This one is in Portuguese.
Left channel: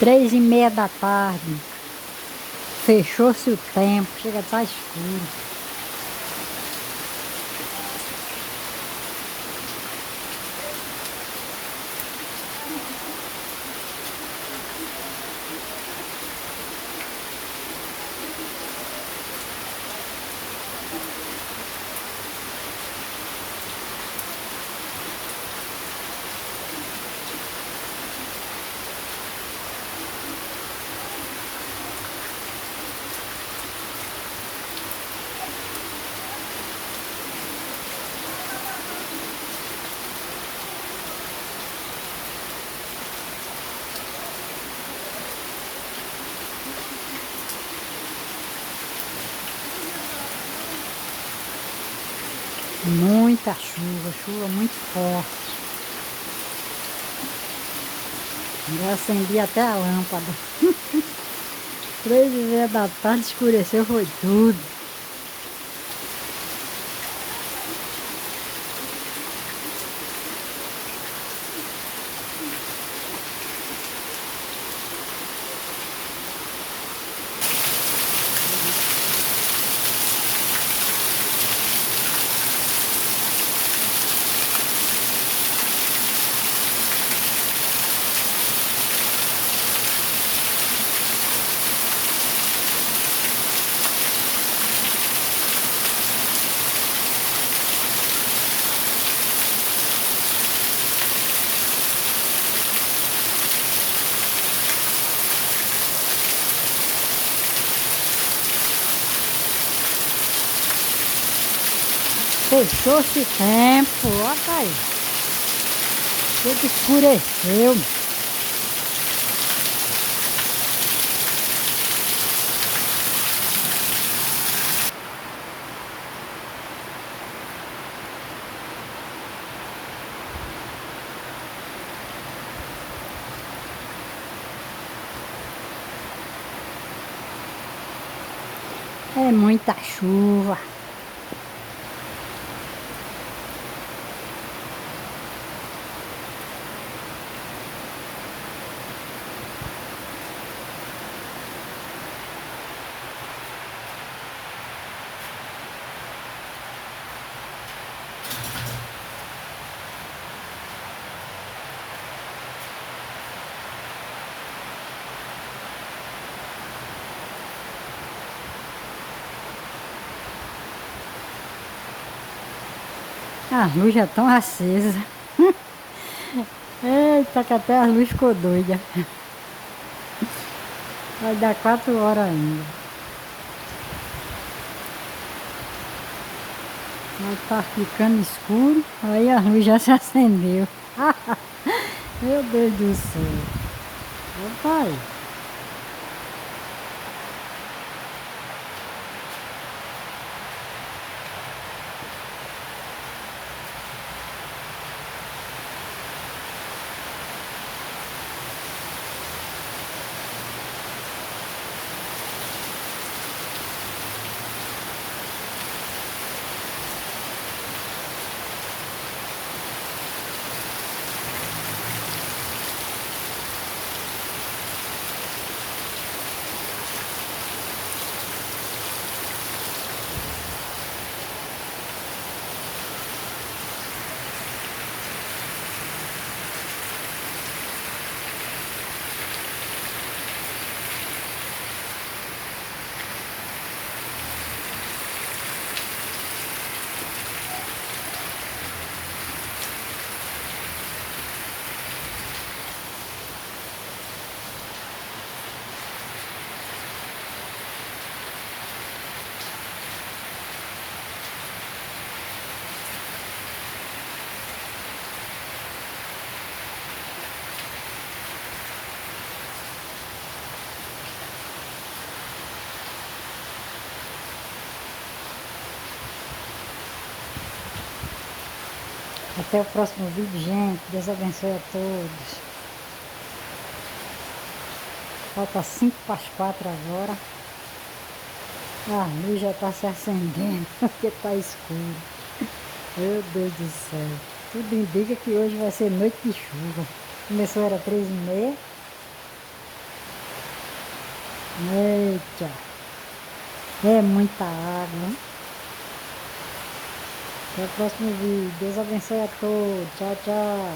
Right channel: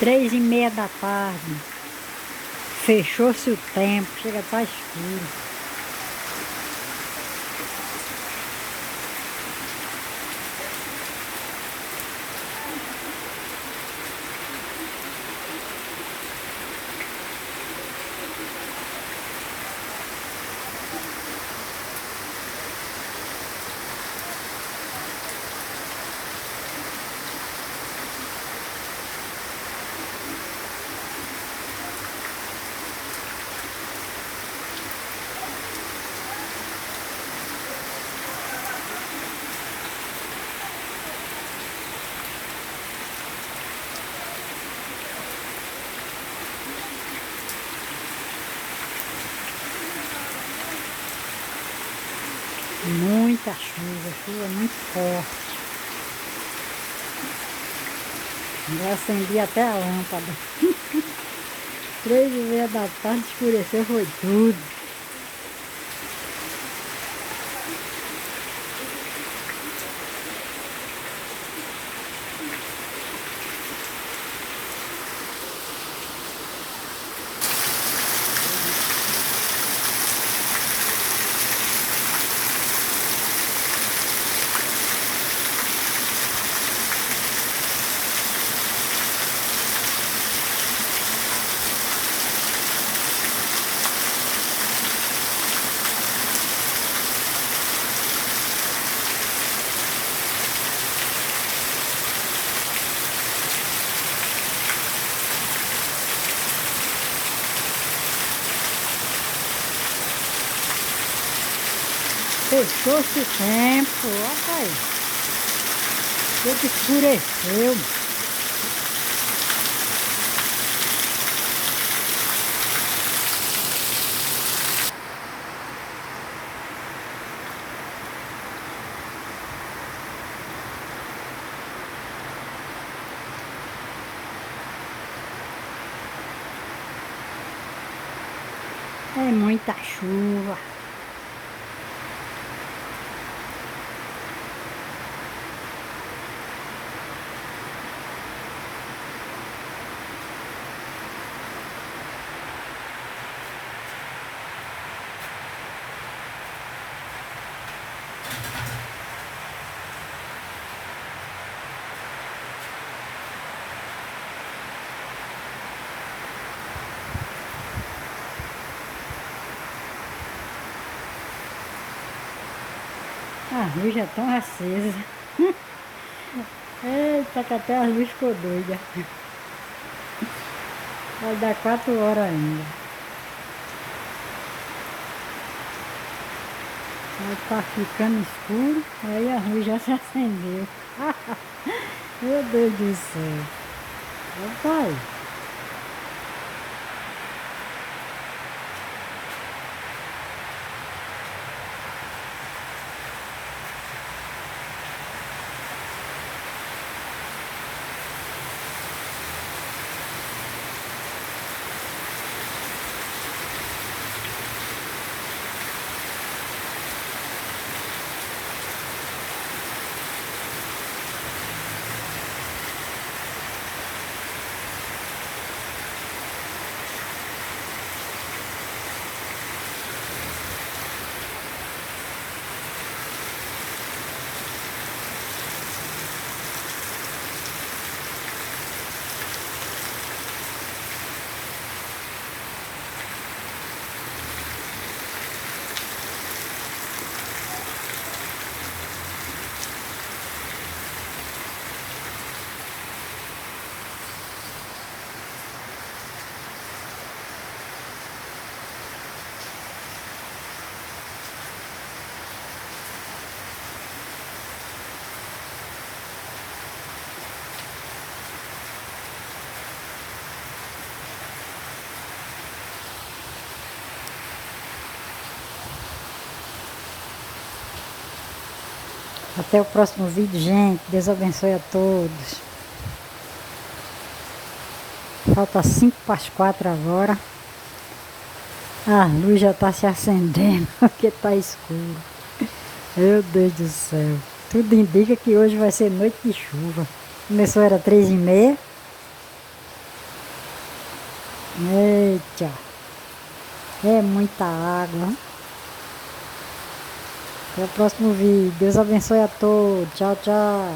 3h30 da tarde. Fechou-se o tempo, chega a estar escuro. Muita chuva, chuva muito forte. Já acendi até a lâmpada. 3h30 da tarde, escureceu, foi tudo. Fechou-se o tempo, olha aí. Tudo escureceu. É muita chuva. As luzes já estão acesas. Eita, que até as luzes ficou doida. Vai dar 4 horas ainda. Vai estar ficando escuro. Aí a luz já se acendeu. Meu Deus do céu. Opa aí. Até o próximo vídeo, gente. Deus abençoe a todos. Falta 5 para as 4 agora. A luz já está se acendendo porque está escuro. Meu Deus do céu. Tudo indica que hoje vai ser noite de chuva. Começou era 3h30. Eita, é muita água. Até o próximo vídeo. Deus abençoe a todos. Tchau, tchau.